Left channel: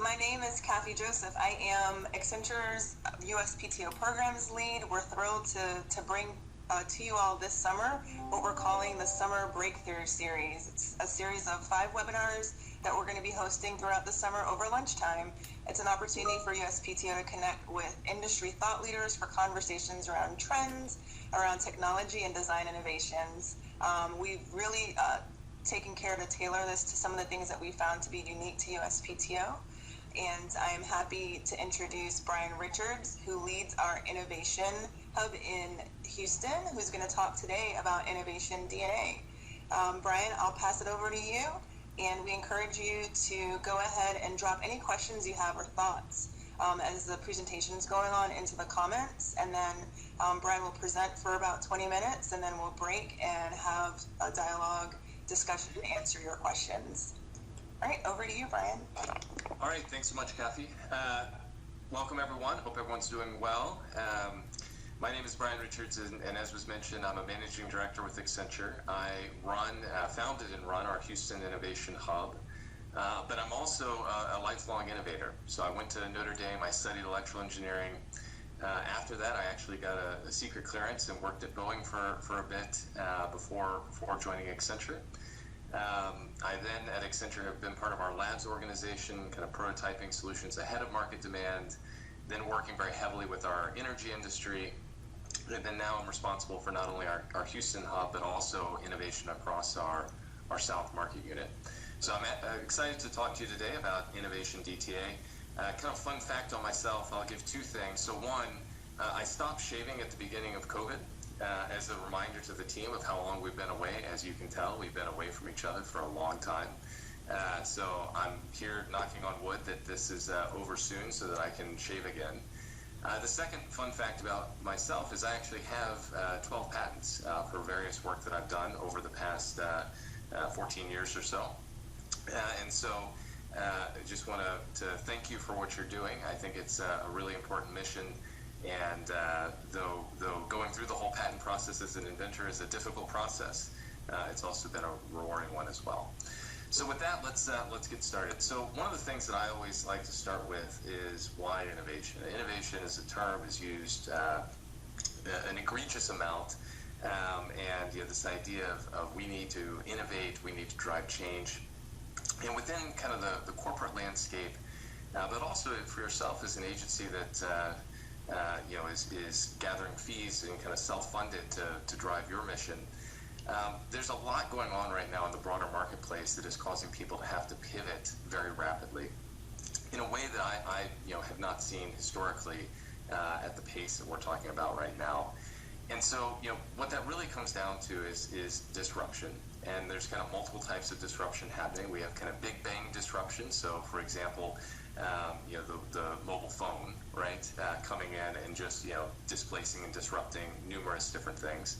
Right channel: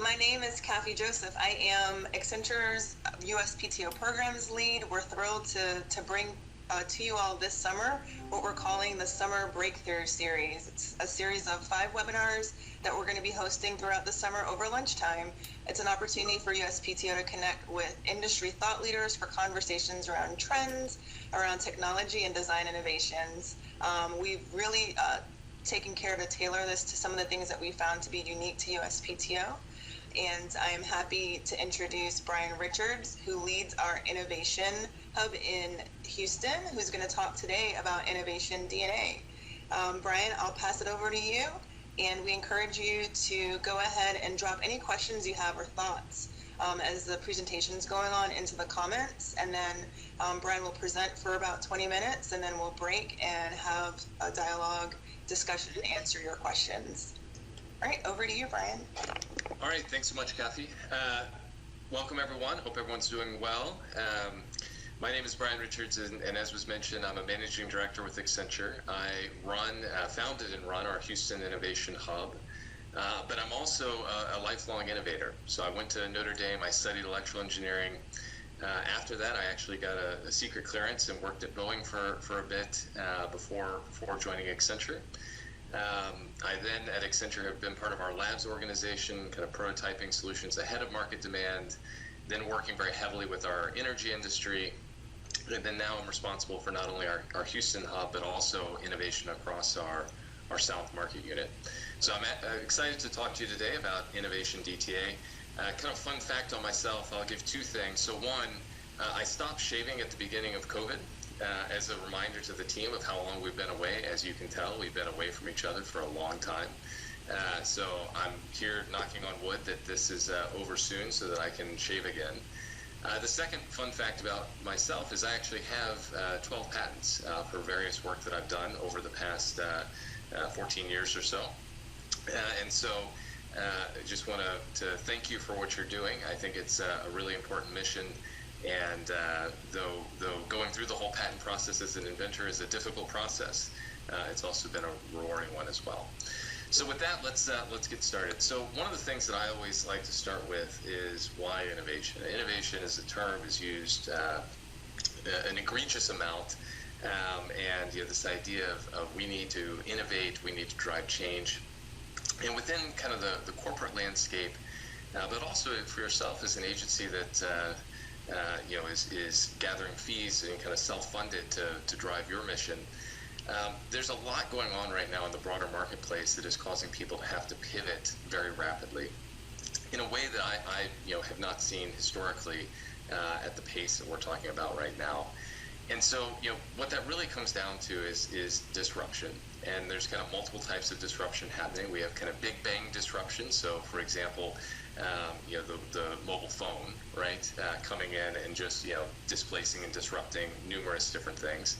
My name is Kathy Joseph. I am Accenture's USPTO programs lead. We're thrilled to bring to you all this summer what we're calling the Summer Breakthrough Series. It's a series of 5 webinars that we're going to be hosting throughout the summer over lunchtime. It's an opportunity for USPTO to connect with industry thought leaders for conversations around trends, around technology and design innovations. We've really taken care to tailor this to some of the things that we found to be unique to USPTO. And I am happy to introduce Brian Richards, who leads our Innovation Hub in Houston, who's going to talk today about Innovation DNA. Brian, I'll pass it over to you, and we encourage you to go ahead and drop any questions you have or thoughts as the presentation is going on into the comments, and then Brian will present for about 20 minutes, and then we'll break and have a dialogue discussion and answer your questions. All right, over to you, Brian. All right, thanks so much, Kathy. Welcome, everyone. Hope everyone's doing well. My name is Brian Richards, and as was mentioned, I'm a managing director with Accenture. I founded and run our Houston Innovation Hub, but I'm also a lifelong innovator. So I went to Notre Dame, I studied electrical engineering. After that, I actually got a secret clearance and worked at Boeing for a bit before joining Accenture. I then at Accenture have been part of our labs organization, kind of prototyping solutions ahead of market demand, then working very heavily with our energy industry. And then now I'm responsible for not only our Houston hub, but also innovation across our South market unit. So I'm excited to talk to you today about Innovation DTA. Kind of fun fact on myself, I'll give 2 things. So one, I stopped shaving at the beginning of COVID. As a reminder to the team of how long we've been away. As you can tell, we've been away from each other for a long time. So I'm here knocking on wood that this is over soon so that I can shave again. The second fun fact about myself is I actually have 12 patents for various work that I've done over the past 14 years or so. And so I just want to thank you for what you're doing. I think it's a really important mission. And though going through the whole patent process as an inventor is a difficult process, it's also been a rewarding one as well. So with that, let's get started. So one of the things that I always like to start with is why innovation. Innovation as a term is used an egregious amount, and this idea of we need to innovate, we need to drive change, and within kind of the corporate landscape, but also for yourself as an agency that is gathering fees and kind of self-funded to drive your mission. There's a lot going on right now in the broader marketplace that is causing people to have to pivot very rapidly in a way that I have not seen historically at the pace that we're talking about right now. And so, what that really comes down to is disruption. And there's kind of multiple types of disruption happening. We have kind of big bang disruption. So, for example, the mobile phone, right, coming in and just, displacing and disrupting numerous different things.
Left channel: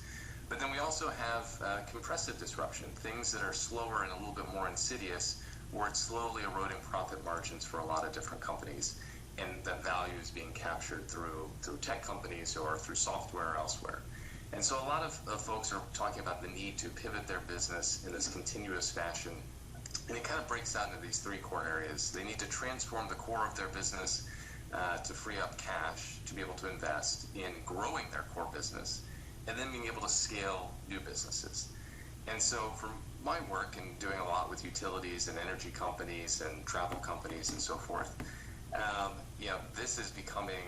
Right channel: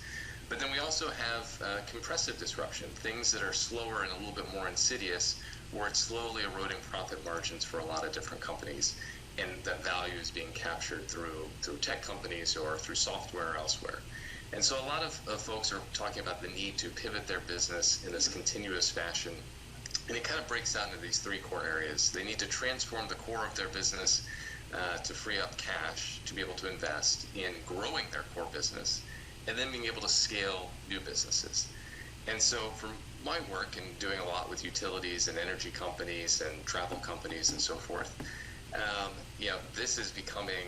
But then we also have compressive disruption, things that are slower and a little bit more insidious, where it's slowly eroding profit margins for a lot of different companies. And that value is being captured through tech companies or through software or elsewhere. And so a lot of folks are talking about the need to pivot their business in this continuous fashion. And it kind of breaks down into these 3 core areas. They need to transform the core of their business to free up cash to be able to invest in growing their core business, and then being able to scale new businesses. And so from my work and doing a lot with utilities and energy companies and travel companies and so forth, this is becoming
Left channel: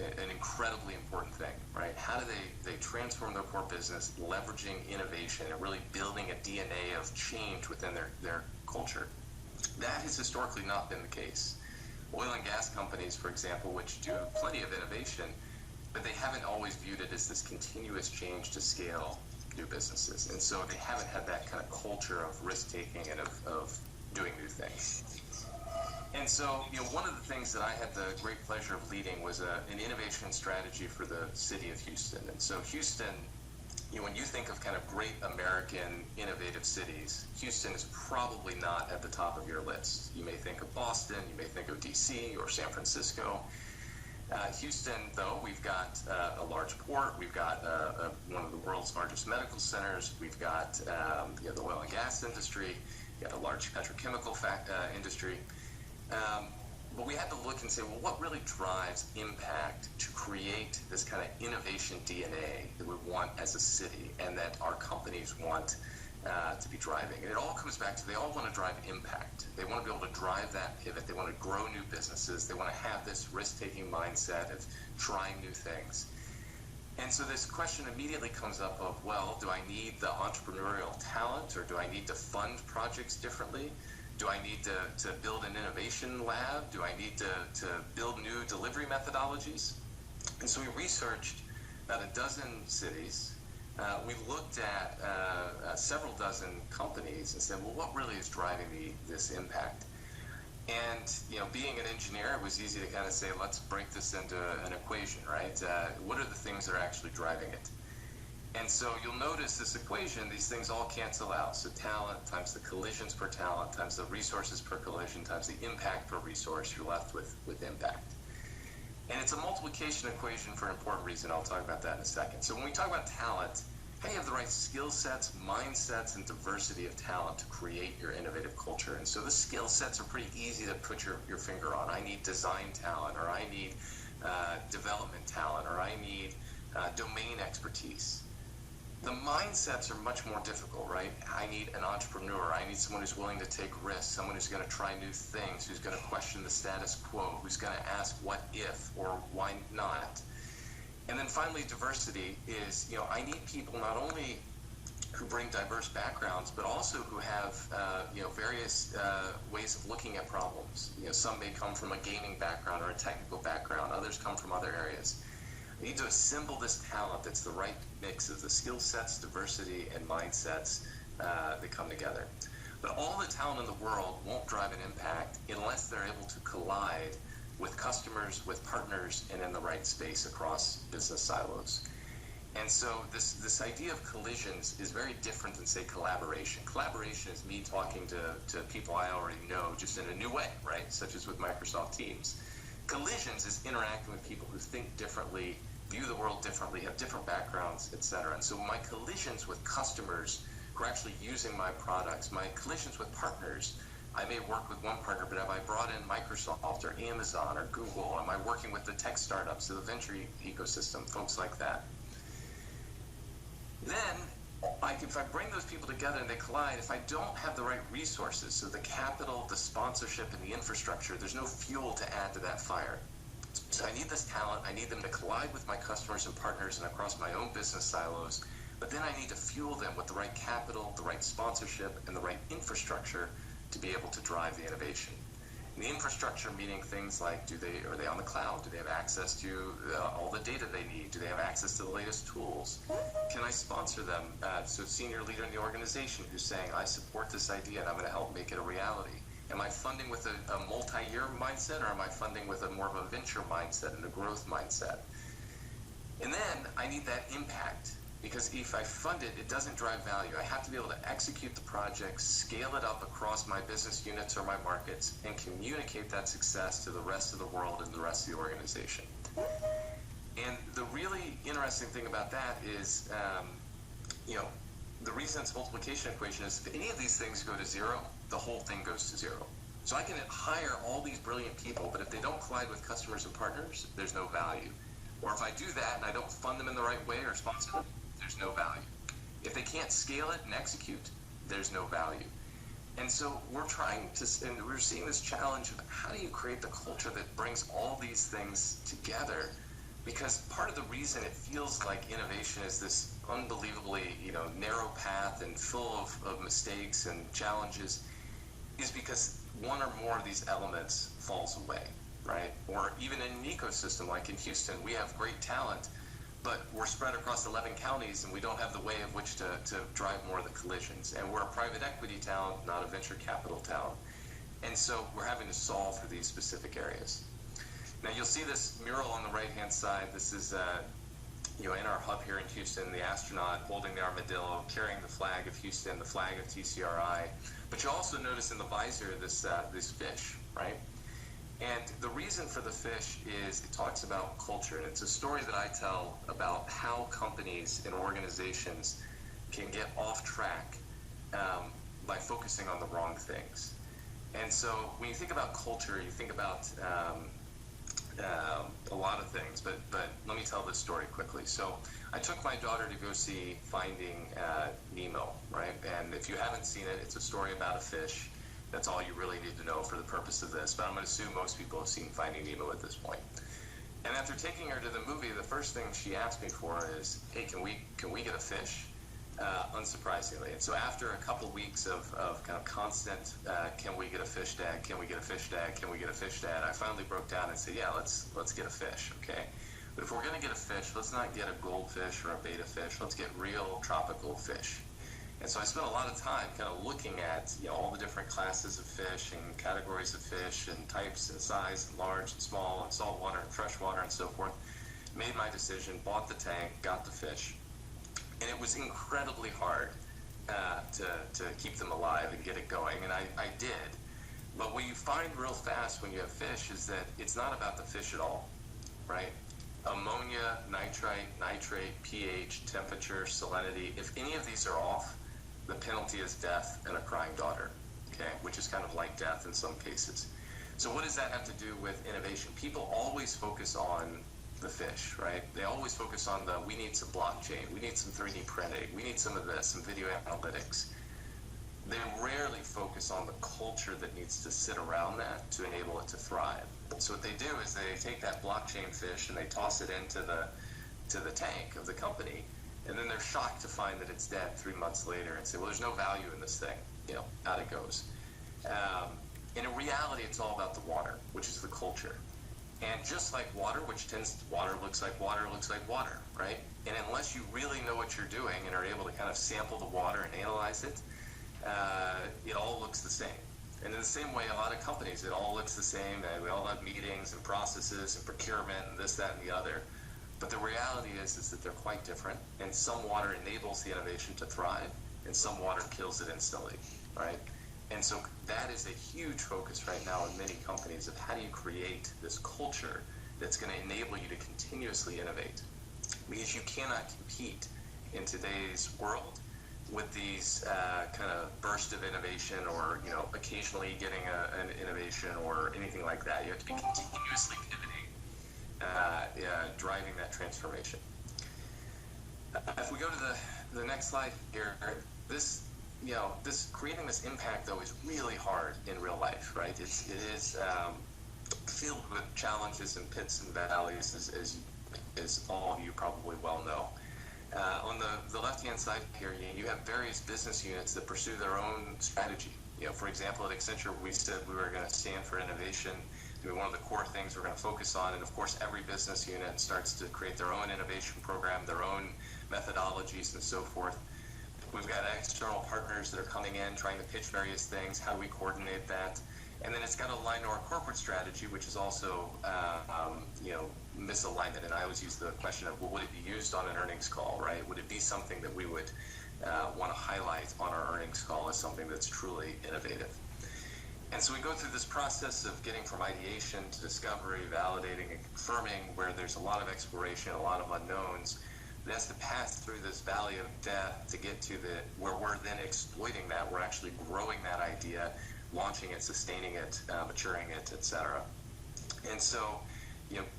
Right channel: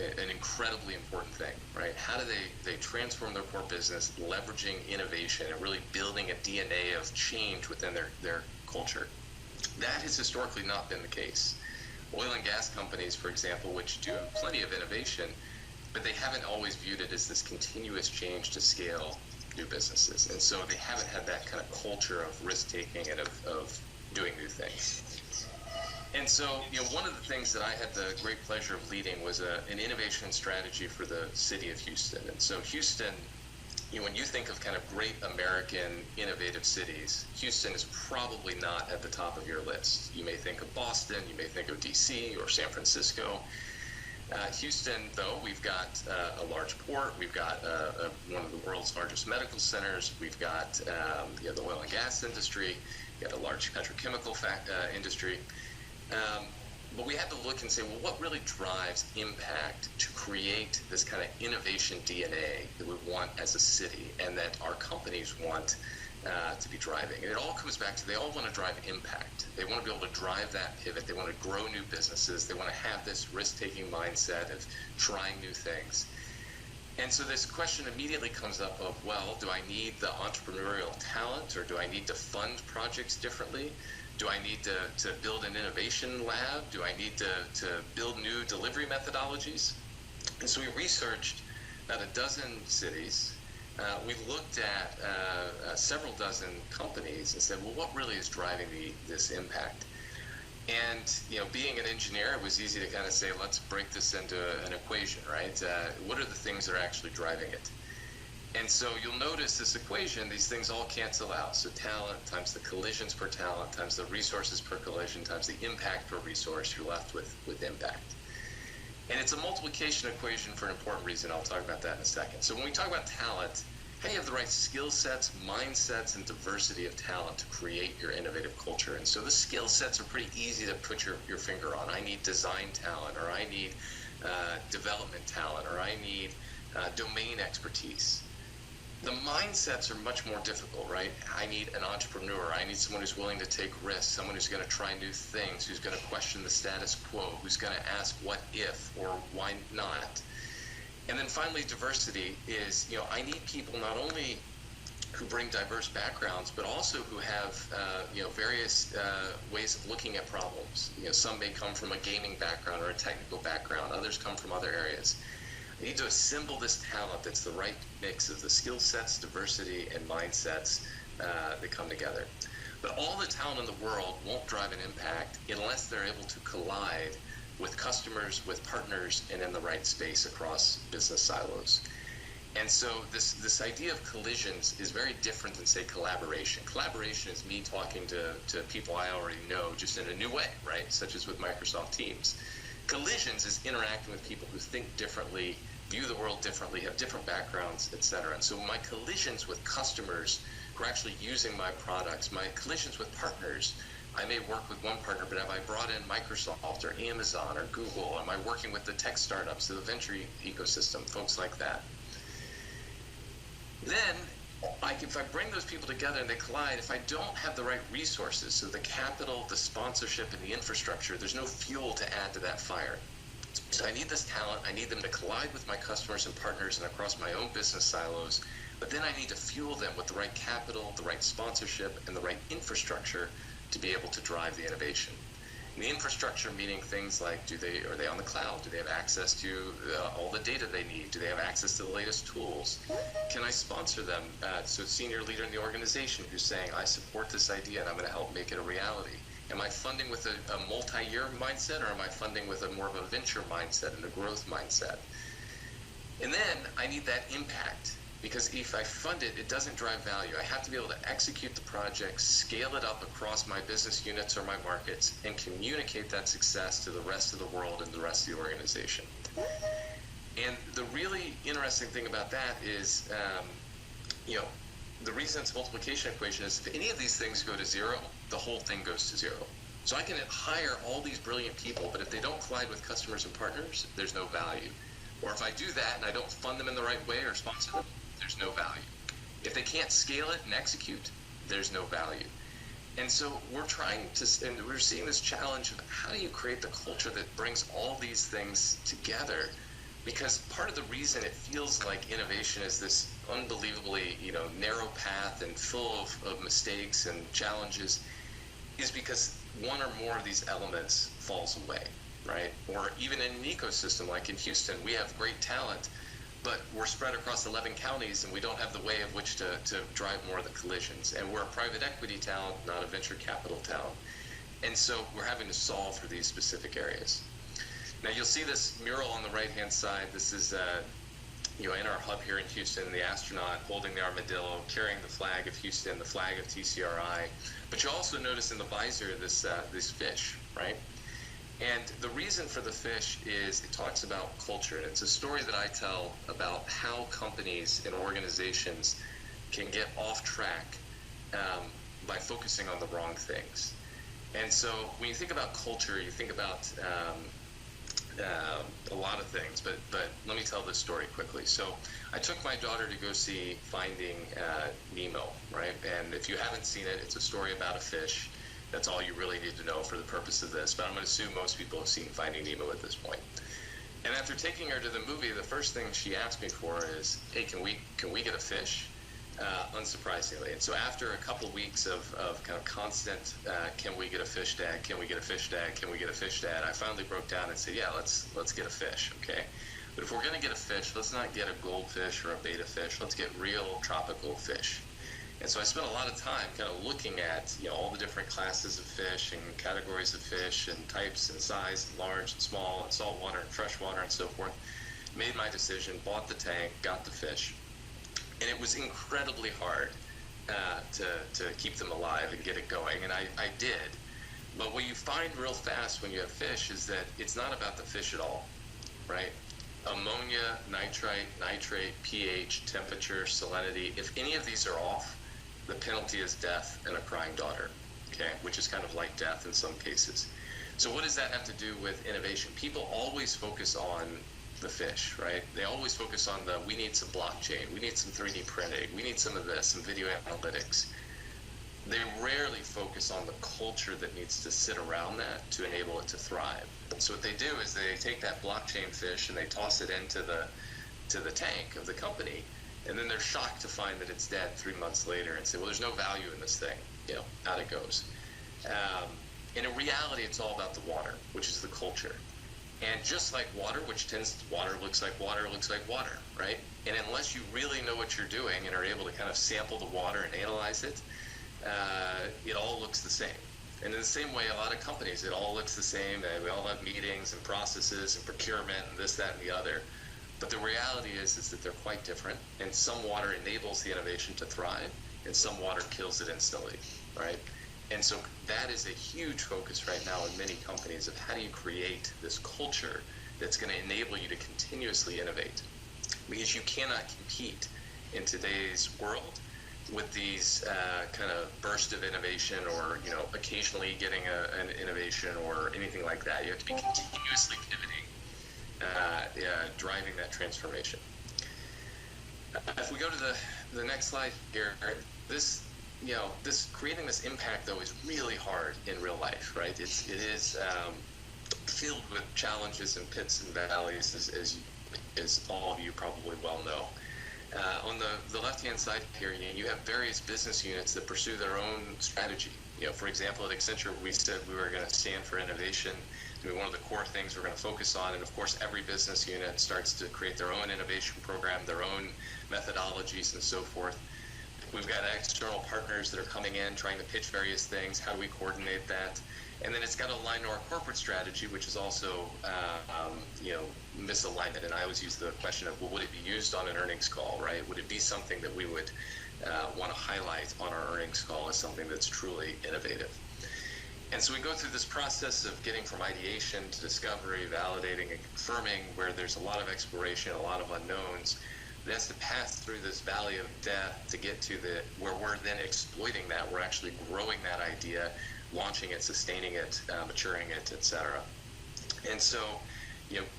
an incredibly important thing, right? How do they transform their core business, leveraging innovation and really building a DNA of change within their culture? That has historically not been the case. Oil and gas companies, for example, which do plenty of innovation, but they haven't always viewed it as this continuous change to scale new businesses. And so they haven't had that kind of culture of risk-taking and of doing new things. And so, one of the things that I had the great pleasure of leading was an innovation strategy for the city of Houston. And so Houston, when you think of kind of great American innovative cities, Houston is probably not at the top of your list. You may think of Boston, you may think of DC or San Francisco. Houston, though, we've got a large port, we've got one of the world's largest medical centers, we've got the oil and gas industry, we've got a large petrochemical industry. Um, but we had to look and say, well, what really drives impact to create this kind of innovation DNA that we want as a city and that our companies want to be driving? And it all comes back to they all want to drive impact. They want to be able to drive that pivot. They want to grow new businesses. They want to have this risk-taking mindset of trying new things. And so this question immediately comes up of, well, do I need the entrepreneurial talent, or do I need to fund projects differently? Do I need to build an innovation lab? Do I need to build new delivery methodologies? And so we researched about a dozen cities. We looked at several dozen companies and said, well, what really is driving this impact? And, being an engineer, it was easy to kind of say, let's break this into an equation, right? What are the things that are actually driving it? And so you'll notice this equation, these things all cancel out. So talent times the collisions per talent times the resources per collision times the impact per resource, you're left with impact. And it's a multiplication equation for an important reason. I'll talk about that in a second. So when we talk about talent, how do you have the right skill sets, mindsets, and diversity of talent to create your innovative culture? And so the skill sets are pretty easy to put your finger on. I need design talent, or I need development talent, or I need domain expertise. The mindsets are much more difficult, right? I need an entrepreneur. I need someone who's willing to take risks, someone who's going to try new things, who's going to question the status quo, who's going to ask what if or why not. And then finally, diversity is, I need people not only who bring diverse backgrounds, but also who have, various ways of looking at problems. Some may come from a gaming background or a technical background. Others come from other areas. I need to assemble this talent that's the right mix of the skill sets, diversity, and mindsets that come together. But all the talent in the world won't drive an impact unless they're able to collide with customers, with partners, and in the right space across business silos. And so this idea of collisions is very different than, say, collaboration. Collaboration is me talking to people I already know just in a new way, right? Such as with Microsoft Teams. Collisions is interacting with people who think differently, view the world differently, have different backgrounds, etc. And so my collisions with customers who are actually using my products, my collisions with partners, I may work with one partner, but have I brought in Microsoft or Amazon or Google? Am I working with the tech startups, the venture ecosystem, folks like that? Then, if I bring those people together and they collide, if I don't have the right resources, so the capital, the sponsorship, and the infrastructure, there's no fuel to add to that fire. So I need this talent. I need them to collide with my customers and partners and across my own business silos. But then I need to fuel them with the right capital, the right sponsorship, and the right infrastructure to be able to drive the innovation. And the infrastructure meaning things like, are they on the cloud? Do they have access to all the data they need? Do they have access to the latest tools? Can I sponsor them? So senior leader in the organization who's saying, I support this idea and I'm going to help make it a reality. Am I funding with a multi-year mindset, or am I funding with more of a venture mindset and a growth mindset? And then I need that impact, because if I fund it, it doesn't drive value. I have to be able to execute the project, scale it up across my business units or my markets, and communicate that success to the rest of the world and the rest of the organization. And the really interesting thing about that is, the reason it's a multiplication equation is if any of these things go to zero, the whole thing goes to zero. So I can hire all these brilliant people, but if they don't collide with customers and partners, there's no value. Or if I do that and I don't fund them in the right way or sponsor them, there's no value. If they can't scale it and execute, there's no value. And so we're seeing this challenge of how do you create the culture that brings all these things together? Because part of the reason it feels like innovation is this unbelievably, narrow path and full of mistakes and challenges is because one or more of these elements falls away, right? Or even in an ecosystem like in Houston, we have great talent, but we're spread across 11 counties and we don't have the way of which to drive more of the collisions. And we're a private equity talent, not a venture capital talent. And so we're having to solve for these specific areas. Now you'll see this mural on the right-hand side. This is, in our hub here in Houston, the astronaut holding the armadillo, carrying the flag of Houston, the flag of TCRI. But you also notice in the visor this fish, right? And the reason for the fish is it talks about culture. And it's a story that I tell about how companies and organizations can get off track by focusing on the wrong things. And so when you think about culture, you think about a lot of things, but let me tell this story quickly. So I took my daughter to go see Finding Nemo, right? And if you haven't seen it, it's a story about a fish. That's all you really need to know for the purpose of this, but I'm going to assume most people have seen Finding Nemo at this point. And after taking her to the movie, the first thing she asked me for is, hey, can we get a fish? Unsurprisingly. And so after a couple weeks of kind of constant, can we get a fish, Dad? Can we get a fish, Dad? Can we get a fish, Dad? I finally broke down and said, yeah, let's get a fish, okay? But if we're going to get a fish, let's not get a goldfish or a betta fish. Let's get real tropical fish. And so I spent a lot of time kind of looking at, all the different classes of fish and categories of fish and types and size, and large and small and saltwater and freshwater and so forth. Made my decision, bought the tank, got the fish. And it was incredibly hard to keep them alive and get it going, and I did. But what you find real fast when you have fish is that it's not about the fish at all, right? Ammonia, nitrate, pH, temperature, salinity, if any of these are off, the penalty is death and a crying daughter, okay? Which is kind of like death in some cases. So what does that have to do with innovation? People always focus on the fish, right? They always focus on we need some blockchain, we need some 3D printing, we need some of this, some video analytics. They rarely focus on the culture that needs to sit around that to enable it to thrive. So what they do is they take that blockchain fish and they toss it into the tank of the company, and then they're shocked to find that it's dead 3 months later and say, well, there's no value in this thing, out it goes. And in reality, it's all about the water, which is the culture. And just like water, water looks like water, right? And unless you really know what you're doing and are able to kind of sample the water and analyze it, it all looks the same. And in the same way, a lot of companies, it all looks the same. We all have meetings and processes and procurement and this, that, and the other. But the reality is that they're quite different. And some water enables the innovation to thrive, and some water kills it instantly, right? And so that is a huge focus right now in many companies of how do you create this culture that's going to enable you to continuously innovate. Because you cannot compete in today's world with these kind of burst of innovation or, occasionally getting an innovation or anything like that. You have to be continuously pivoting, driving that transformation. If we go to the next slide here, this creating this impact, though, is really hard in real life, right? It is filled with challenges and pits and valleys, as all of you probably well know. On the left-hand side here, you have various business units that pursue their own strategy. For example, at Accenture, we said we were going to stand for innovation. One of the core things we're going to focus on, and of course, every business unit starts to create their own innovation program, their own methodologies, and so forth. We've got external partners that are coming in, trying to pitch various things. How do we coordinate that? And then it's got to align to our corporate strategy, which is also, misalignment. And I always use the question of, well, would it be used on an earnings call, right? Would it be something that we would want to highlight on our earnings call as something that's truly innovative? And so we go through this process of getting from ideation to discovery, validating and confirming, where there's a lot of exploration, a lot of unknowns. That's to pass through this valley of death to get to where we're then exploiting that. We're actually growing that idea, launching it, sustaining it, maturing it, etc. And so,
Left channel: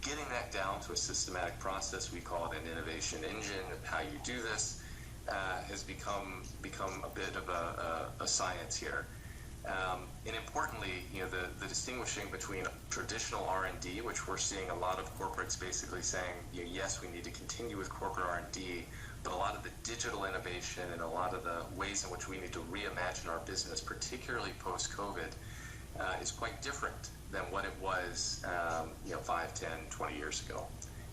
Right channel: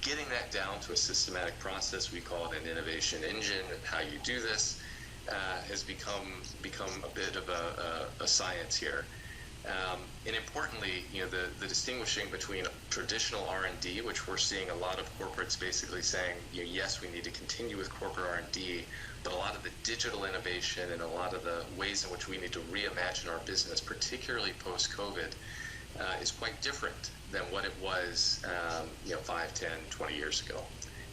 getting that down to a systematic process, we call it an innovation engine. And how you do this has become a bit of a science here. And importantly, the distinguishing between traditional R&D, which we're seeing a lot of corporates basically saying, yes, we need to continue with corporate R&D, but a lot of the digital innovation and a lot of the ways in which we need to reimagine our business, particularly post-COVID, is quite different than what it was 5, 10, 20 years ago.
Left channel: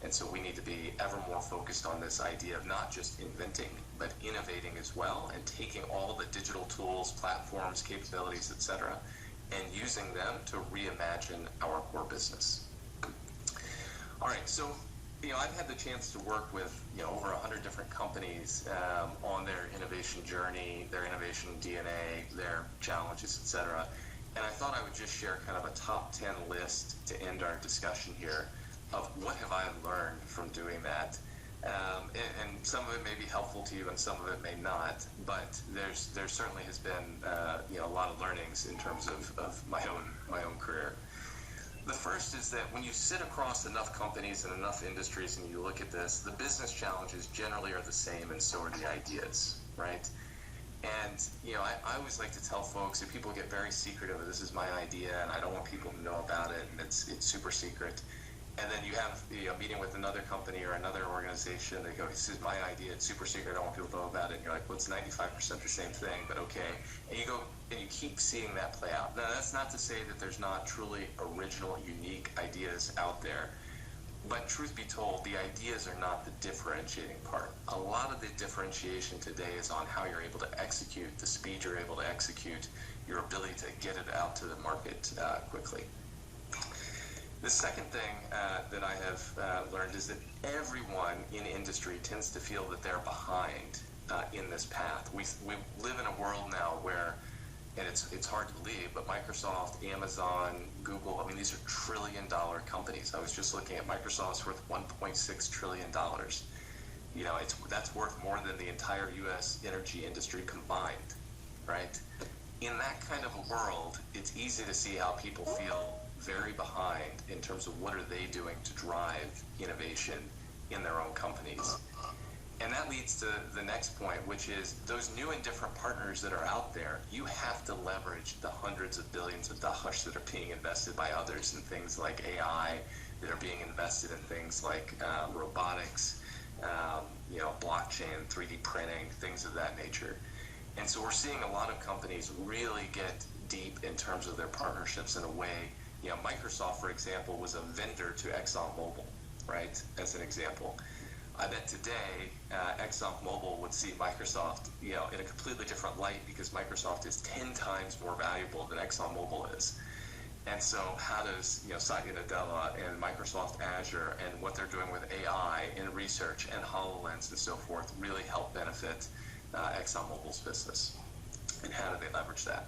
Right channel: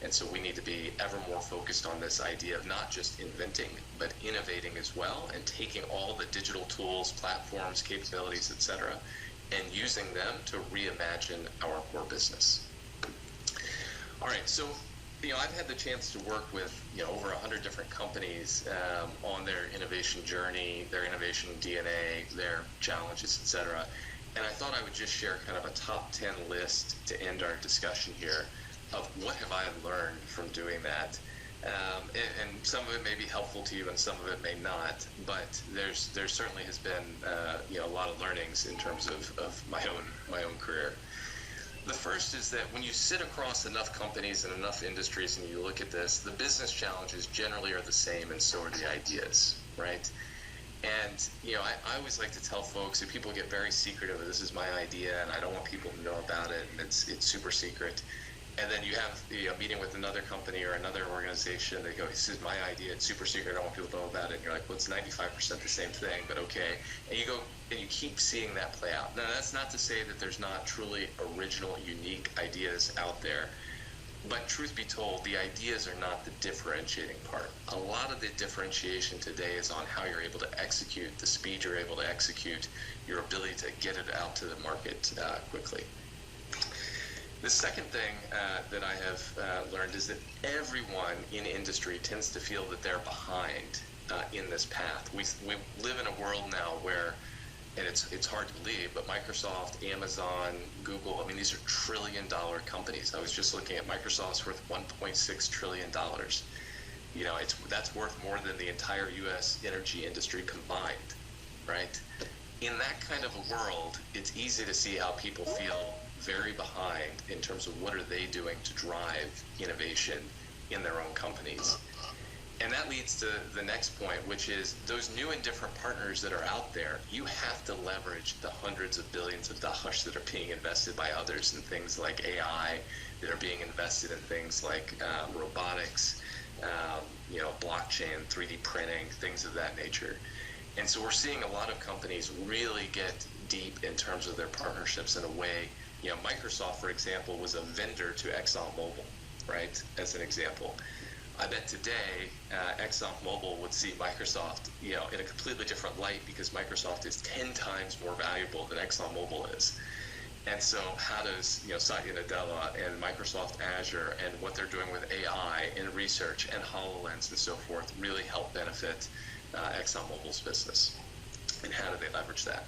And so we need to be ever more focused on this idea of not just inventing, but innovating as well, and taking all the digital tools, platforms, capabilities, etc., and using them to reimagine our core business. All right, so I've had the chance to work with over 100 different companies on their innovation journey, their innovation DNA, their challenges, etc. And I thought I would just share kind of a top 10 list to end our discussion here of what have I learned from doing that And some of it may be helpful to you, and some of it may not. But there certainly has been a lot of learnings in terms of my own career. The first is that when you sit across enough companies and enough industries and you look at this, the business challenges generally are the same, and so are the ideas, right? And I always like to tell folks, if people get very secretive, this is my idea and I don't want people to know about it, and it's super secret. And then you have a meeting with another company or another organization. They go, "This is my idea. It's super secret. I don't want people to know about it." And you're like, "Well, it's 95% the same thing, but okay." And you go and you keep seeing that play out. Now, that's not to say that there's not truly original, unique ideas out there. But truth be told, the ideas are not the differentiating part. A lot of the differentiation today is on how you're able to execute, the speed you're able to execute, your ability to get it out to the market quickly. The second thing that I have learned is that everyone in industry tends to feel that they're behind in this path. We live in a world now where, and it's hard to believe, but Microsoft, Amazon, Google, I mean, these are trillion-dollar companies. I was just looking at Microsoft's worth $1.6 trillion. That's worth more than the entire U.S. energy industry combined, right? In that kind of a world, it's easy to see how people feel very behind in terms of what are they doing to drive innovation in their own companies. And that leads to the next point, which is those new and different partners that are out there, you have to leverage the hundreds of billions of dollars that are being invested by others in things like AI, that are being invested in things like robotics, blockchain, 3D printing, things of that nature. And so we're seeing a lot of companies really get deep in terms of their partnerships in a way. Microsoft, for example, was a vendor to ExxonMobil, right, as an example. I bet today ExxonMobil would see Microsoft, in a completely different light, because Microsoft is 10 times more valuable than ExxonMobil is. And so how does, Satya Nadella and Microsoft Azure and what they're doing with AI and research and HoloLens and so forth really help benefit ExxonMobil's business? And how do they leverage that?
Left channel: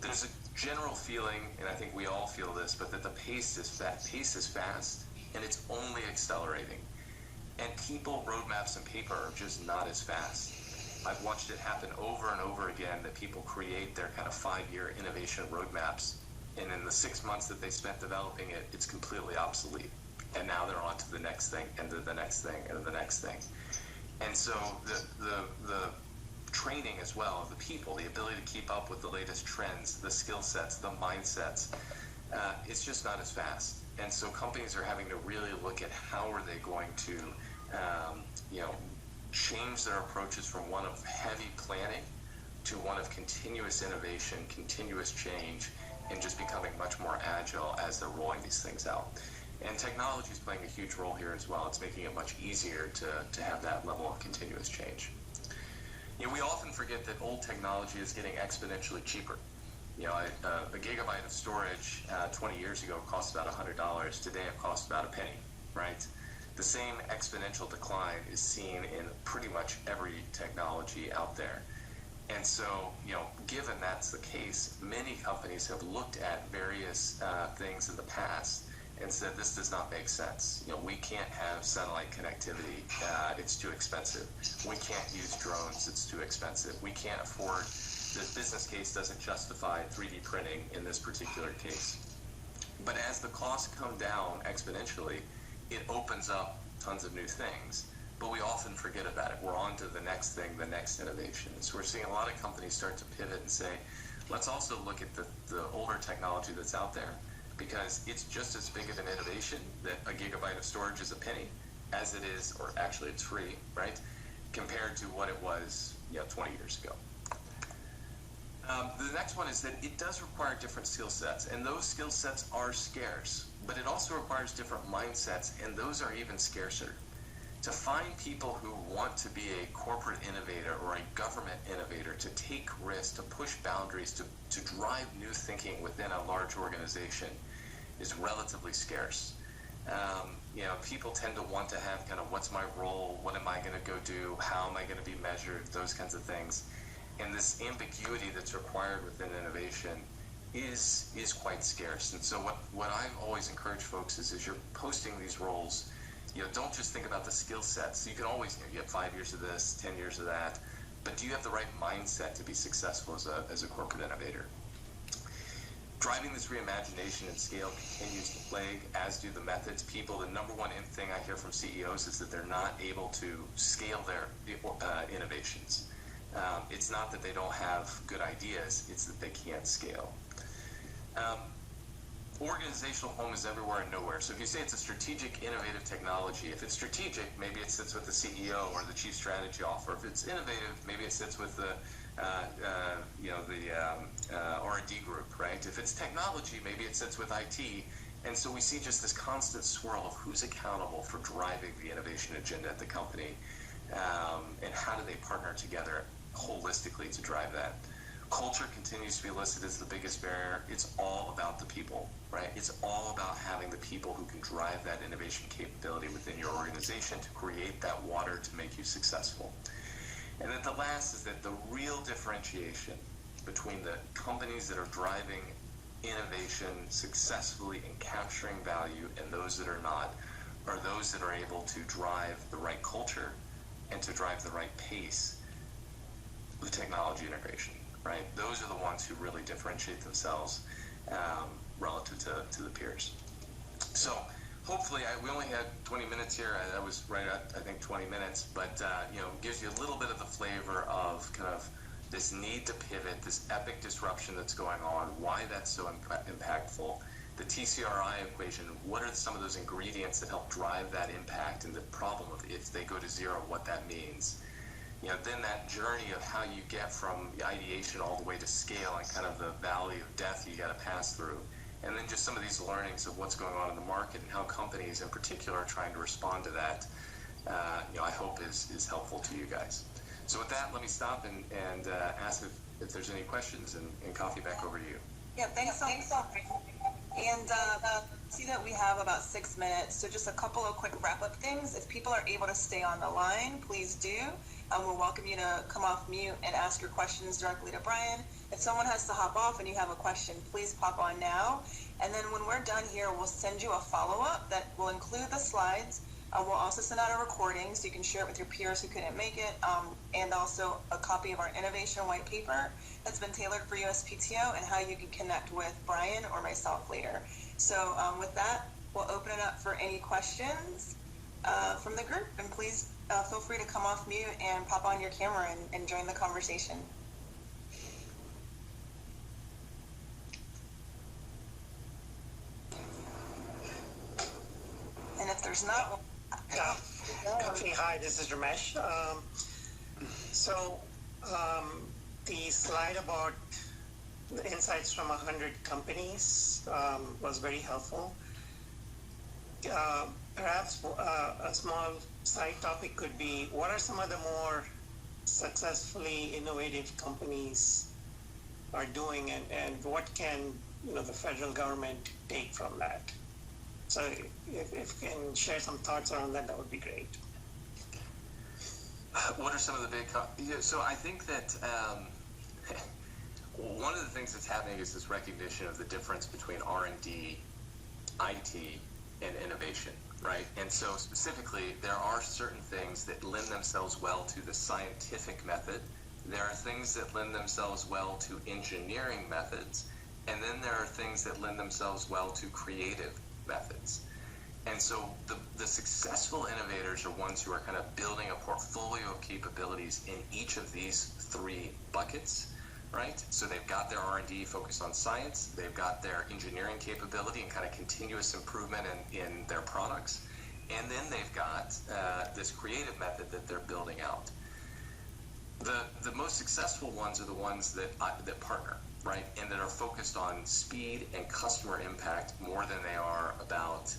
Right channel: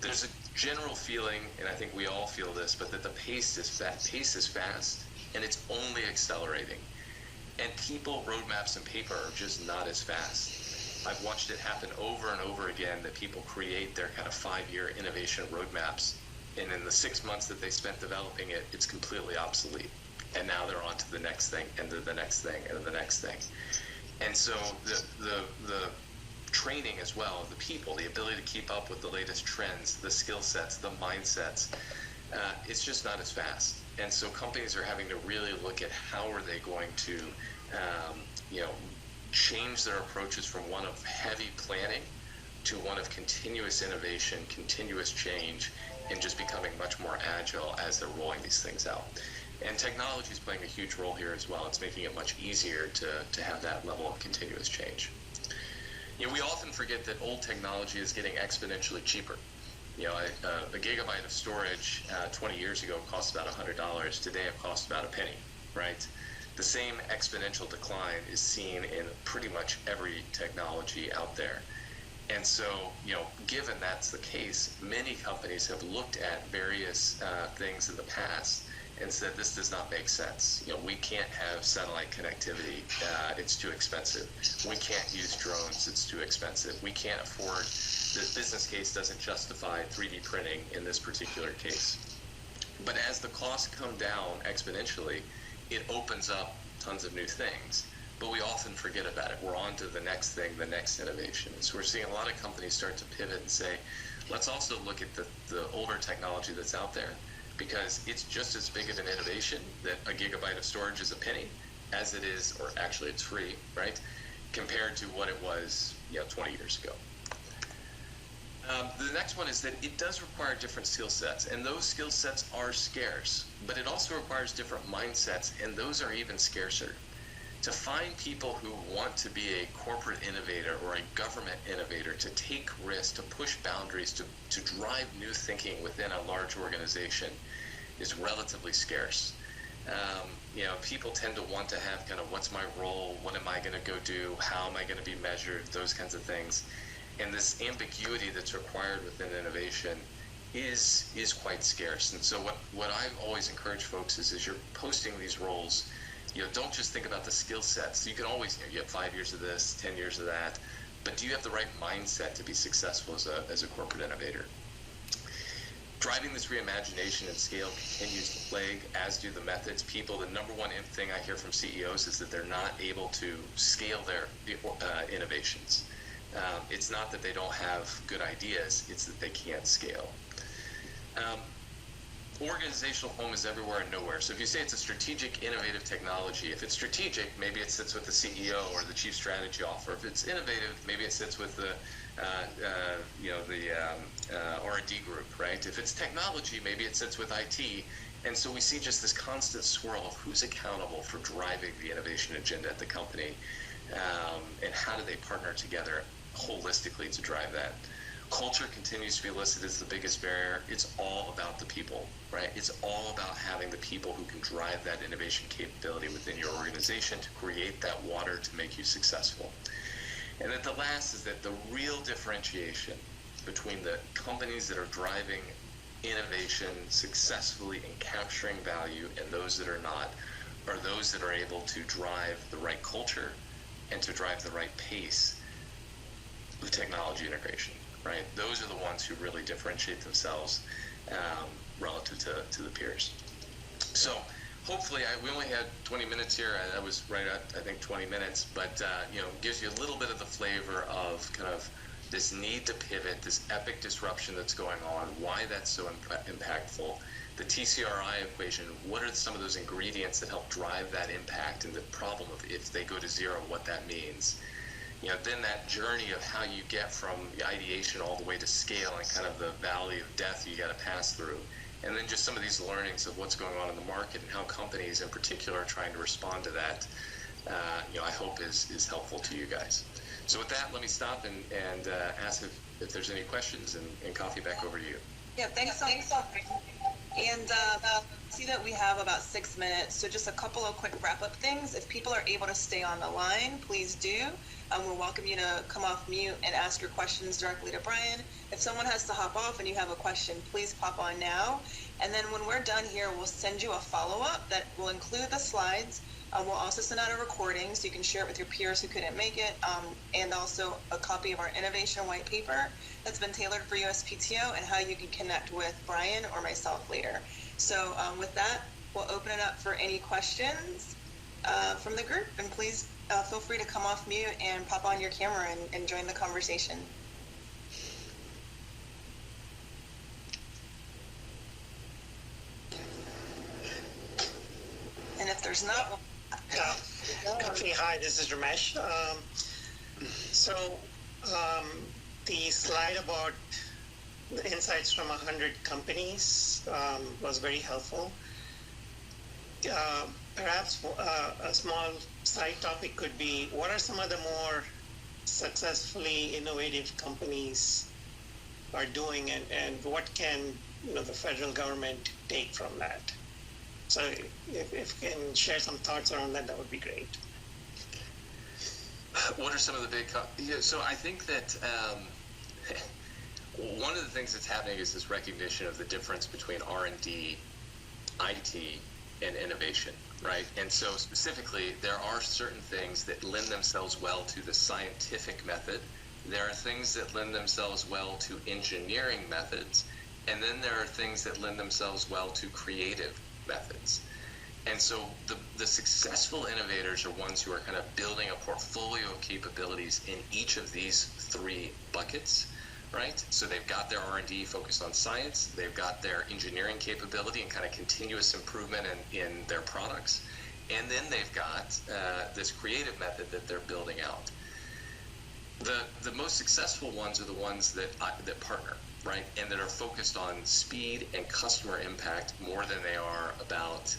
There's a general feeling, and I think we all feel this, but that the pace is fast, and it's only accelerating. And people, roadmaps, and paper are just not as fast. I've watched it happen over and over again, that people create their kind of 5-year innovation roadmaps, and in the 6 months that they spent developing it, it's completely obsolete. And now they're on to the next thing, and to the next thing, and the next thing. And so the training as well of the people, the ability to keep up with the latest trends, the skill sets, the mindsets, it's just not as fast. And so companies are having to really look at how are they going to, change their approaches from one of heavy planning to one of continuous innovation, continuous change, and just becoming much more agile as they're rolling these things out. And technology is playing a huge role here as well. It's making it much easier to have that level of continuous change. We often forget that old technology is getting exponentially cheaper. A gigabyte of storage 20 years ago cost about $100. Today it costs about a penny, right? The same exponential decline is seen in pretty much every technology out there. And so, given that's the case, many companies have looked at various things in the past and said, this does not make sense. We can't have satellite connectivity. It's too expensive. We can't use drones. It's too expensive. We can't afford, this business case doesn't justify 3D printing in this particular case. But as the costs come down exponentially, it opens up tons of new things. But we often forget about it. We're on to the next thing, the next innovation. And so we're seeing a lot of companies start to pivot and say, let's also look at the older technology that's out there, because it's just as big of an innovation that a gigabyte of storage is a penny as it is, or actually it's free, right, compared to what it was 20 years ago. The next one is that it does require different skill sets, and those skill sets are scarce, but it also requires different mindsets, and those are even scarcer. To find people who want to be a corporate innovator or a government innovator, to take risks, to push boundaries, to drive new thinking within a large organization is relatively scarce. People tend to want to have kind of, what's my role, what am I going to go do, how am I going to be measured, those kinds of things. And this ambiguity that's required within innovation is quite scarce. And so what I've always encouraged folks is, as you're posting these roles, don't just think about the skill sets. You can always, you have 5 years of this, 10 years of that, but do you have the right mindset to be successful as a corporate innovator? Driving this reimagination and scale continues to plague, as do the methods. People, the number one thing I hear from CEOs is that they're not able to scale their innovations. It's not that they don't have good ideas, it's that they can't scale. Organizational home is everywhere and nowhere. So if you say it's a strategic, innovative technology, if it's strategic, maybe it sits with the CEO or the chief strategy officer. If it's innovative, maybe it sits with the R&D group, right? If it's technology, maybe it sits with IT. And so we see just this constant swirl of who's accountable for driving the innovation agenda at the company, and how do they partner together holistically to drive that. Culture continues to be listed as the biggest barrier. It's all about the people, right? It's all about having the people who can drive that innovation capability within your organization to create that water to make you successful. And then the last is that the real differentiation between the companies that are driving innovation successfully and capturing value and those that are not are those that are able to drive the right culture and to drive the right pace with technology integration. Right? Those are the ones who really differentiate themselves relative to the peers. So hopefully, we only had 20 minutes here. I was right at, I think, 20 minutes, but gives you a little bit of the flavor of kind of this need to pivot, this epic disruption that's going on, why that's so impactful, the TCRI equation, what are some of those ingredients that help drive that impact, and the problem of if they go to zero, what that means. Then that journey of how you get from the ideation all the way to scale and kind of the valley of death you got to pass through. And then just some of these learnings of what's going on in the market and how companies in particular are trying to respond to that, I hope is helpful to you guys. So with that, let me stop and ask if there's any questions, and Coffee, back over to you. Yeah, thanks so much. And see that we have about 6 minutes, so just a couple of quick wrap-up things. If people are able to stay on the line, please do. We'll welcome you to come off mute and ask your questions directly to Brian. If someone has to hop off and you have a question, please pop on now. And then when we're done here, we'll send you a follow-up that will include the slides. We'll also send out a recording so you can share it with your peers who couldn't make it, and also a copy of our innovation white paper that's been tailored for USPTO and how you can connect with Brian or myself later. So with that, we'll open it up for any questions from the group, and please feel free to come off mute and pop on your camera and join the conversation. And if there's not one, Coffee, hi, this is Ramesh. The slide about the insights from 100 companies was very helpful. Perhaps a small side topic could be, what are some of the more successfully innovative companies are doing, and what can the federal government take from that? So if you can share some thoughts around that, that would be great. What are some of the big... So I think that one of the things that's happening is this recognition of the difference between R&D, IT, and innovation, right? And so specifically, there are certain things that lend themselves well to the scientific method. There are things that lend themselves well to engineering methods. And then there are things that lend themselves well to creative methods. And so the successful innovators are ones who are kind of building a portfolio of capabilities in each of these three buckets, right? So they've got their R&D focused on science, they've got their engineering capability and kind of continuous improvement in their products, and then they've got this creative method that they're building out. The most successful ones are the ones that partner, right, and that are focused on speed and customer impact more than they are about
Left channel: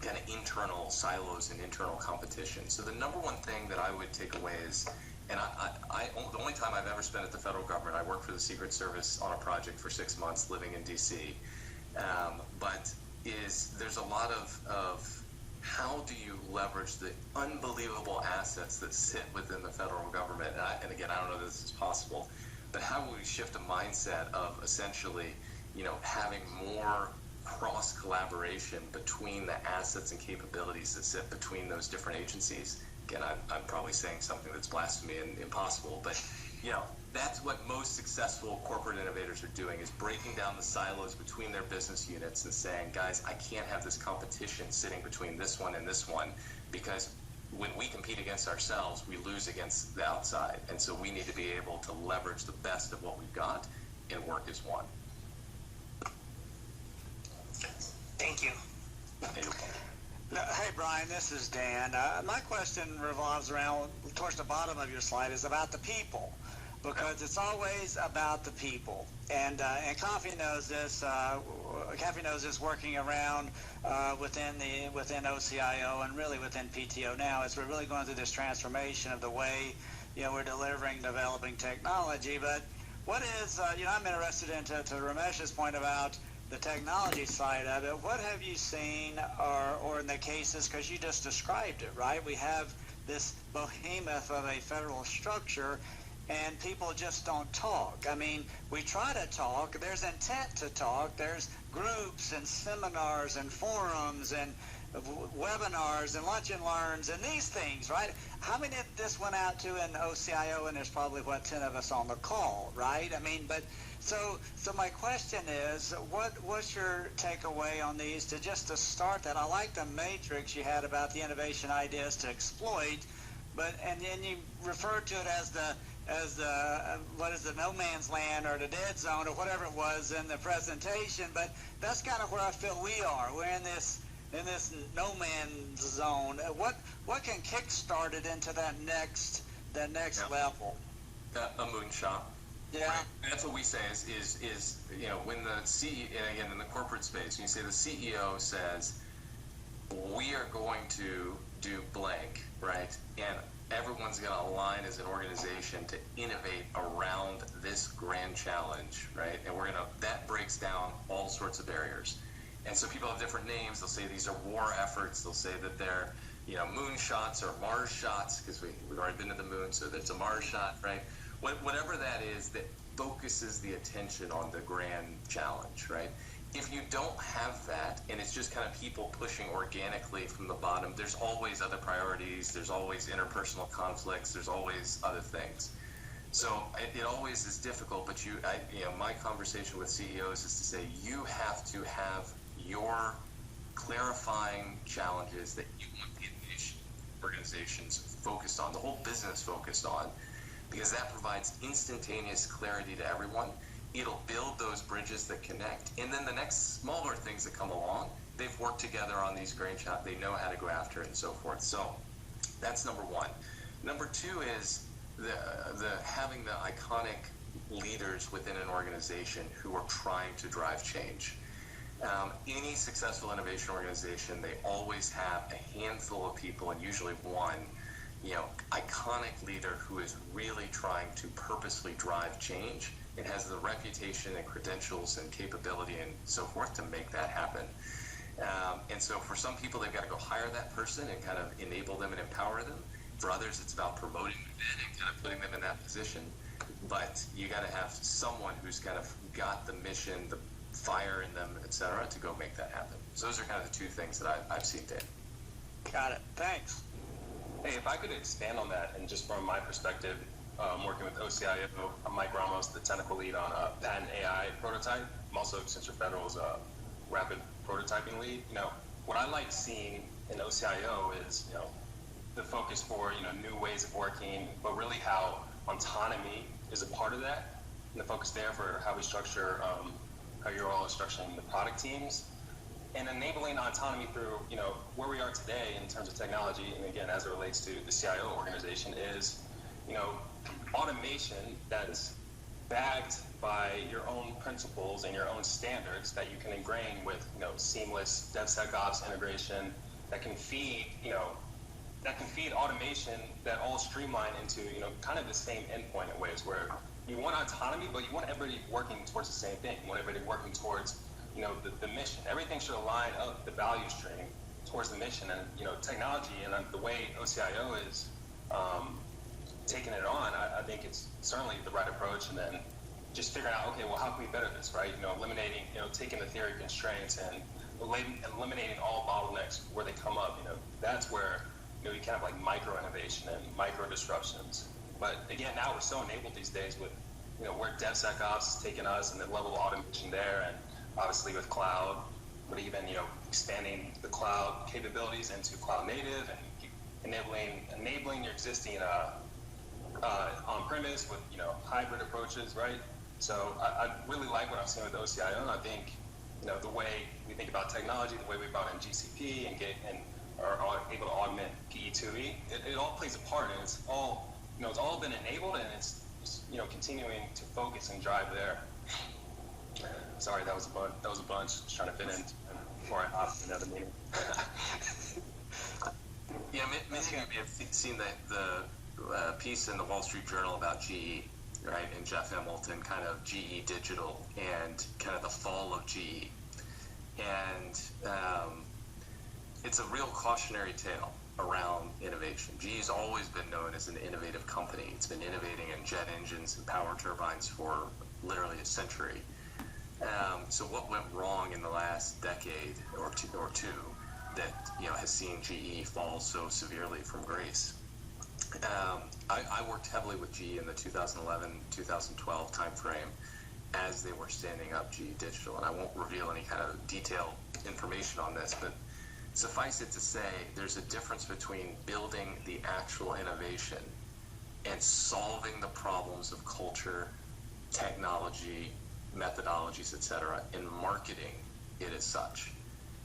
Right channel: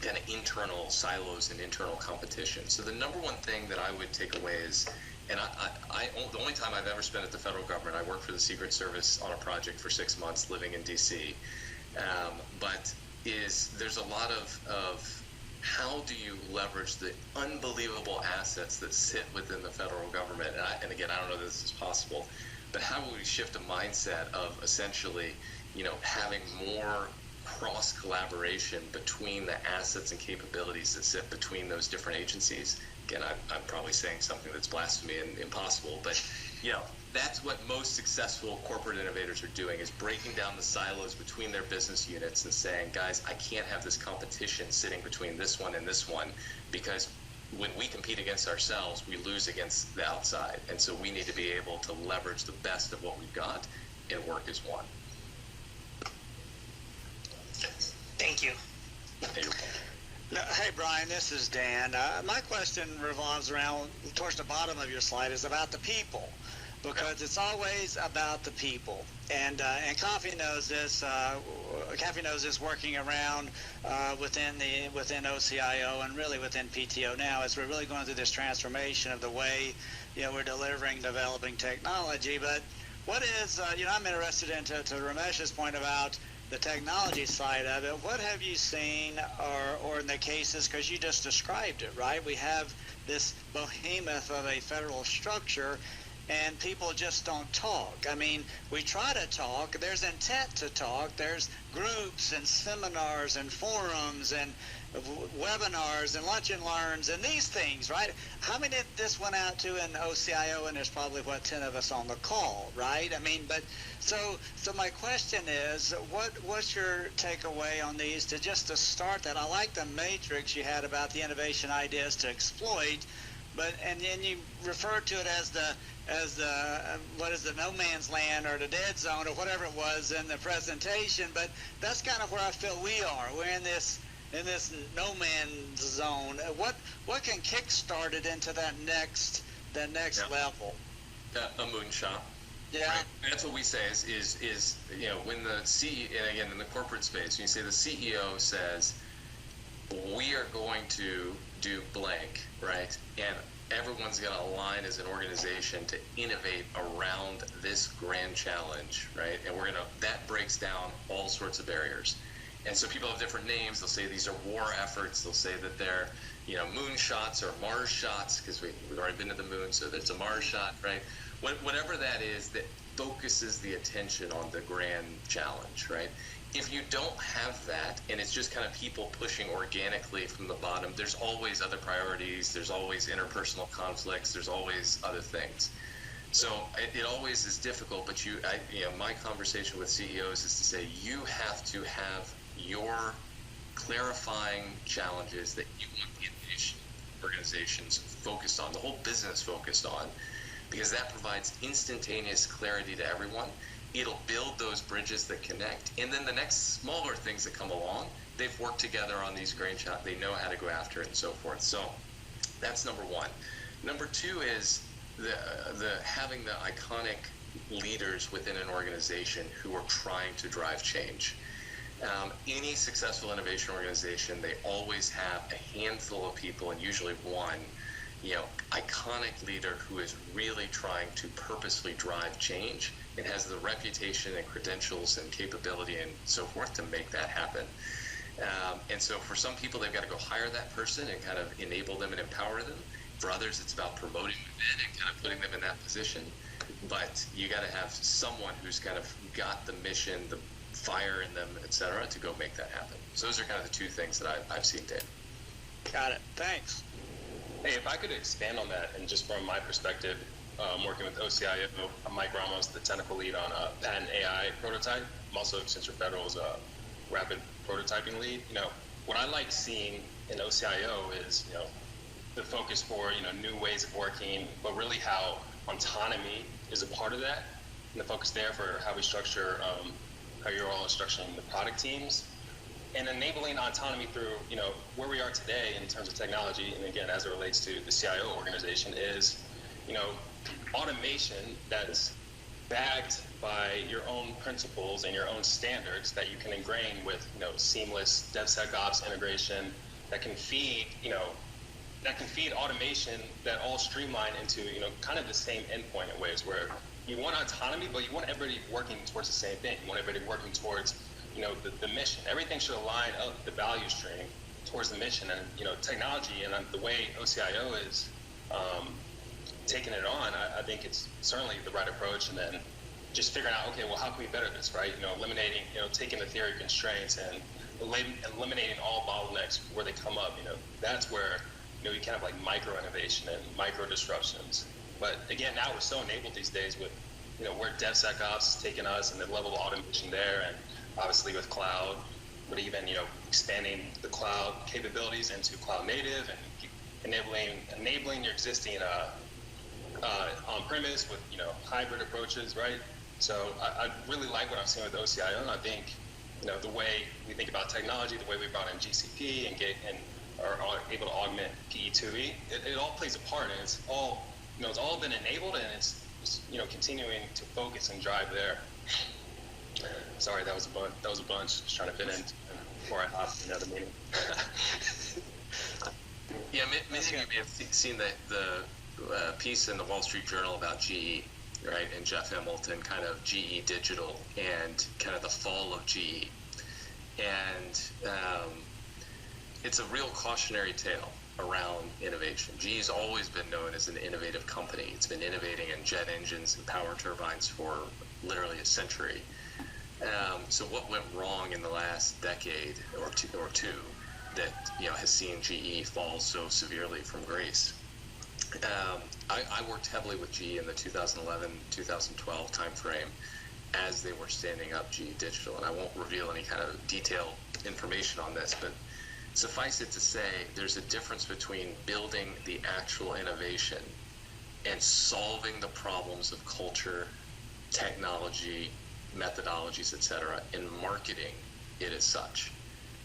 kind of internal silos and internal competition. So the number one thing that I would take away is, and the only time I've ever spent at the federal government, I worked for the Secret Service on a project for 6 months living in DC, but there's a lot of how do you leverage the unbelievable assets that sit within the federal government? And again, I don't know that this is possible, but how will we shift a mindset of essentially, having more cross collaboration between the assets and capabilities that sit between those different agencies. Again, I'm probably saying something that's blasphemy and impossible, but that's what most successful corporate innovators are doing, is breaking down the silos between their business units and saying, guys, I can't have this competition sitting between this one and this one, because when we compete against ourselves, we lose against the outside. And so we need to be able to leverage the best of what we've got and work as one. Thank you. Hey, Brian, this is Dan. My question revolves around, towards the bottom of your slide, is about the people, because it's always about the people. And Kathy knows this. Kathy knows this, working around within OCIO and really within PTO now, as we're really going through this transformation of the way we're delivering, developing technology. But what is I'm interested in, to Ramesh's point about the technology side of it. What have you seen, or in the cases, because you just described it, right? We have this behemoth of a federal structure, and people just don't talk. I mean, we try to talk. There's intent to talk. There's groups and seminars and forums and webinars and lunch and learns and these things, right? How many of this went out to in OCIO? And there's probably 10 of us on the call, right? I mean, but so my question is, what's your takeaway on these to start that? I like the matrix you had about the innovation ideas to exploit, and then you referred to it as the what is the no man's land or the dead zone or whatever it was in the presentation. But that's kind of where I feel we are. We're in this no man's zone. What can kickstart it into that next level? A moonshot. Yeah, right? That's what we say is when the CEO, and again in the corporate space, when you say the CEO says we are going to do blank, right, and everyone's going to align as an organization to innovate around this grand challenge, right, and that breaks down all sorts of barriers. And so people have different names. They'll say these are war efforts. They'll say that they're, moon shots or Mars shots, because we've already been to the moon, so it's a Mars shot, right? Whatever that is that focuses the attention on the grand challenge, right? If you don't have that, and it's just kind of people pushing organically from the bottom, there's always other priorities. There's always interpersonal conflicts. There's always other things. So it always is difficult, but my conversation with CEOs is to say, you have to have your clarifying challenges that you want the organizations focused on, the whole business focused on, because that provides instantaneous clarity to everyone. It'll build those bridges that connect. And then the next smaller things that come along, they've worked together on these grain shots, they know how to go after it and so forth. So that's number one. Number two is the having the iconic leaders within an organization who are trying to drive change. Any successful innovation organization, they always have a handful of people, and usually one, iconic leader who is really trying to purposely drive change and has the reputation and credentials and capability and so forth to make that happen. And so for some people, they've got to go hire that person and kind of enable them and empower them. For others, it's about promoting them and kind of putting them in that position. But you got to have someone who's kind of got the mission, the fire in them, et cetera, to go make that happen. So those are kind of the two things that I've seen, Dave. Got it. Thanks. Hey, if I could expand on that, and just from my perspective, working with OCIO, I'm Mike Ramos, the technical lead on patent AI prototype. I'm also Accenture Federal's rapid prototyping lead. What I like seeing in OCIO is, the focus for, new ways of working, but really how autonomy is a part of that, and the focus there for how we structure, how you're all structuring the product teams, and enabling autonomy through, where we are today in terms of technology, and again, as it relates to the CIO organization, is, automation that's backed by your own principles and your own standards that you can ingrain with, seamless DevSecOps integration that can feed, automation that all streamline into, kind of the same endpoint in ways where you want autonomy, but you want everybody working towards the same thing. You want everybody working towards, the mission. Everything should align up the value stream towards the mission. And, technology and the way OCIO is taking it on, I think it's certainly the right approach. And then, just figuring out, okay, well, how can we better this, right? Eliminating, taking the theory constraints and eliminating all bottlenecks where they come up. That's where, you can have like micro innovation and micro disruptions. But again, now we're so enabled these days with, where DevSecOps is taking us and the level of automation there, and obviously with cloud, but even, expanding the cloud capabilities into cloud native and enabling your existing on-premise with, hybrid approaches, right? So I really like what I'm seeing with OCIO, and I think, the way we think about technology, the way we brought in GCP and are able to augment PE2E, it all plays a part, and it's all, it's all been enabled, and it's continuing to focus and drive there. Sorry, that was a bunch. Just trying to fit in before I hop to another meeting. Yeah, many of you may have seen the piece in the Wall Street Journal about GE, right? And Jeff Hamilton, kind of GE Digital and kind of the fall of GE. And it's a real cautionary tale around innovation. GE's always been known as an innovative company. It's been innovating in jet engines and power turbines for literally a century. So what went wrong in the last decade or two that has seen GE fall so severely from grace? I worked heavily with GE in the 2011-2012 timeframe as they were standing up GE Digital, and I won't reveal any kind of detailed information on this, but suffice it to say, there's a difference between building the actual innovation and solving the problems of culture, technology, methodologies, etc., and marketing it as such.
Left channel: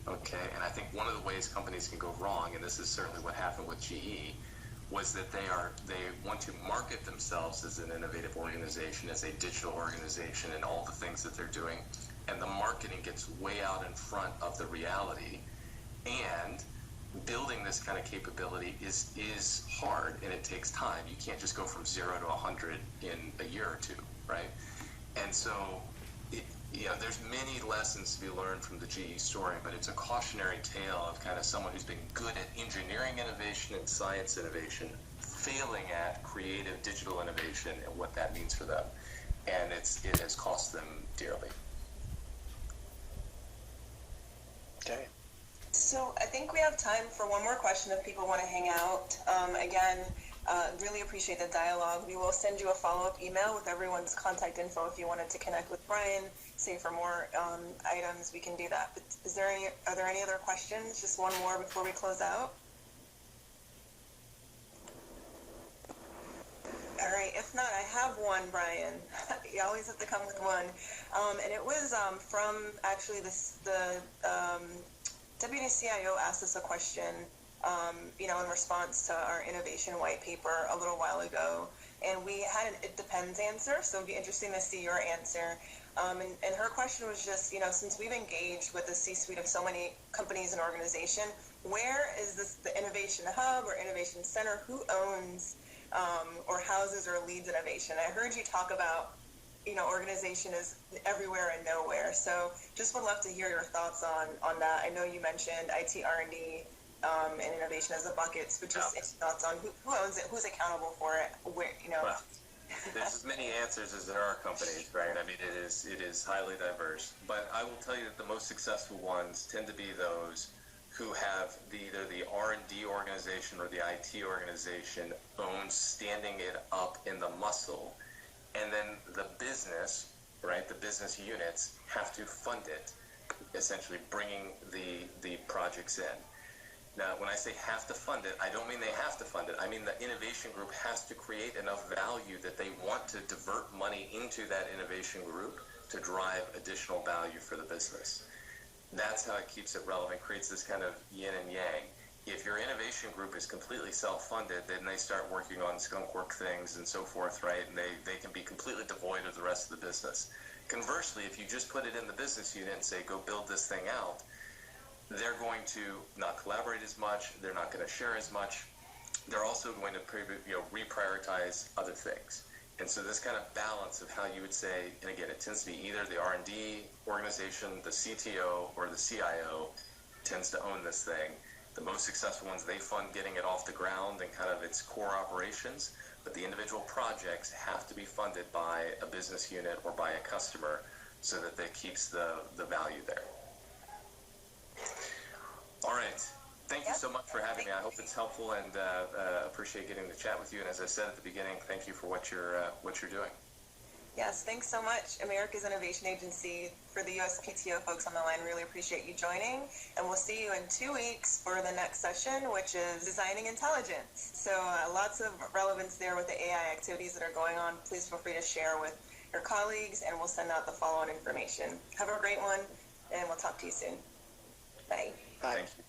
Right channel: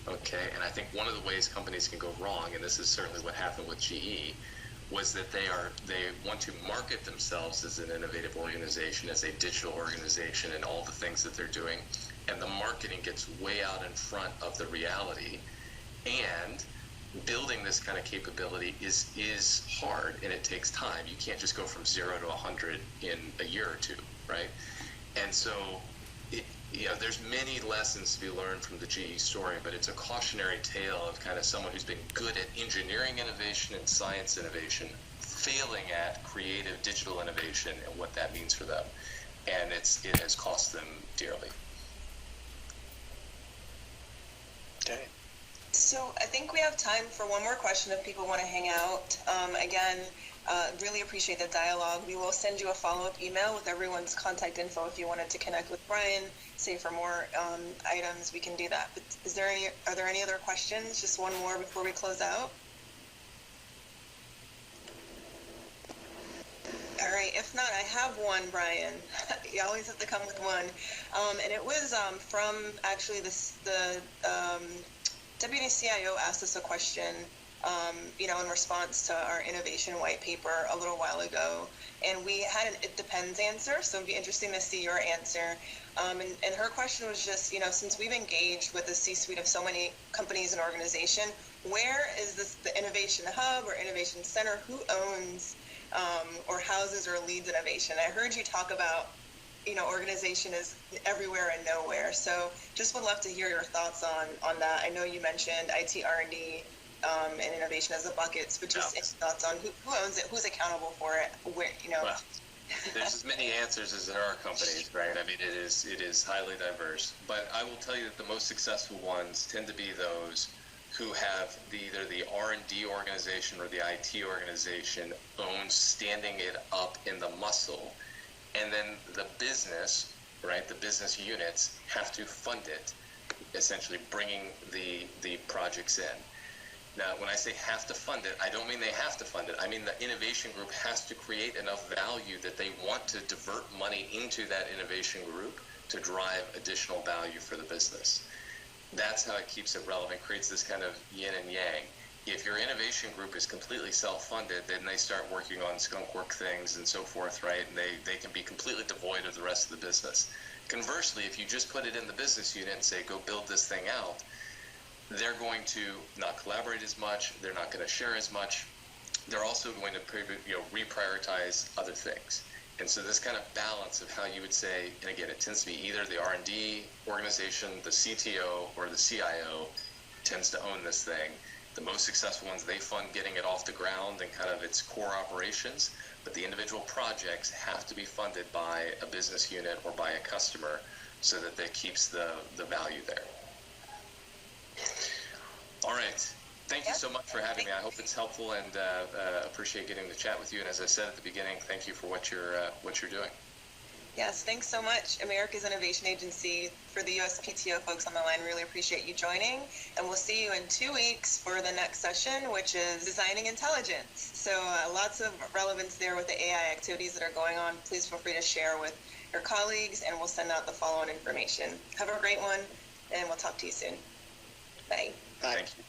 Okay, and I think one of the ways companies can go wrong, and this is certainly what happened with GE, was that they want to market themselves as an innovative organization, as a digital organization, and all the things that they're doing, and the marketing gets way out in front of the reality. And building this kind of capability is hard, and it takes time. You can't just go from 0 to 100 in a year or two, right? And so, there's many lessons to be learned from the GE story, but it's a cautionary tale of kind of someone who's been good at engineering innovation and science innovation, failing at creative digital innovation and what that means for them. And it has cost them dearly. Okay. So I think we have time for one more question if people want to hang out. Again, really appreciate the dialogue. We will send you a follow-up email with everyone's contact info if you wanted to connect with Brian, say for more items, we can do that. But are there any other questions? Just one more before we close out. All right, if not, I have one, Brian. You always have to come with one. And it was from actually the Deputy CIO asked us a question, in response to our innovation white paper a little while ago. And we had an it depends answer, so it'd be interesting to see your answer. And her question was just, since we've engaged with the C-suite of so many companies and organizations, where is the innovation hub or innovation center? Who owns or houses or leads innovation? I heard you talk about, organization is everywhere and nowhere. So just would love to hear your thoughts on that. I know you mentioned IT R&D and innovation as the buckets, but just thoughts on who owns it, who's accountable for it, where, Well, there's as many answers as there are companies, right? I mean, it is highly diverse. But I will tell you that the most successful ones tend to be those who have either the R&D organization or the IT organization owns standing it up in the muscle, and then the business, right, the business units have to fund it, essentially bringing the projects in. Now, when I say have to fund it, I don't mean they have to fund it. I mean the innovation group has to create enough value that they want to divert money into that innovation group to drive additional value for the business. That's how it keeps it relevant, creates this kind of yin and yang. If your innovation group is completely self-funded, then they start working on skunk work things and so forth, right? And they can be completely devoid of the rest of the business. Conversely, if you just put it in the business unit and say, go build this thing out, they're going to not collaborate as much, they're not going to share as much, they're also going to reprioritize other things. And so this kind of balance of how you would say, and again, it tends to be either the R&D organization, the CTO, or the CIO tends to own this thing. The most successful ones, they fund getting it off the ground and kind of its core operations, but the individual projects have to be funded by a business unit or by a customer so that that keeps the value there. All right. Thank you so much for having me. I hope it's helpful, and appreciate getting to chat with you. And as I said at the beginning, thank you for what you're doing. Yes, thanks so much. America's Innovation Agency. For the USPTO folks on the line, really appreciate you joining. And we'll see you in 2 weeks for the next session, which is Designing Intelligence. So lots of relevance there with the AI activities that are going on. Please feel free to share with your colleagues, and we'll send out the follow-on information. Have a great one, and we'll talk to you soon. Bye. Thank you.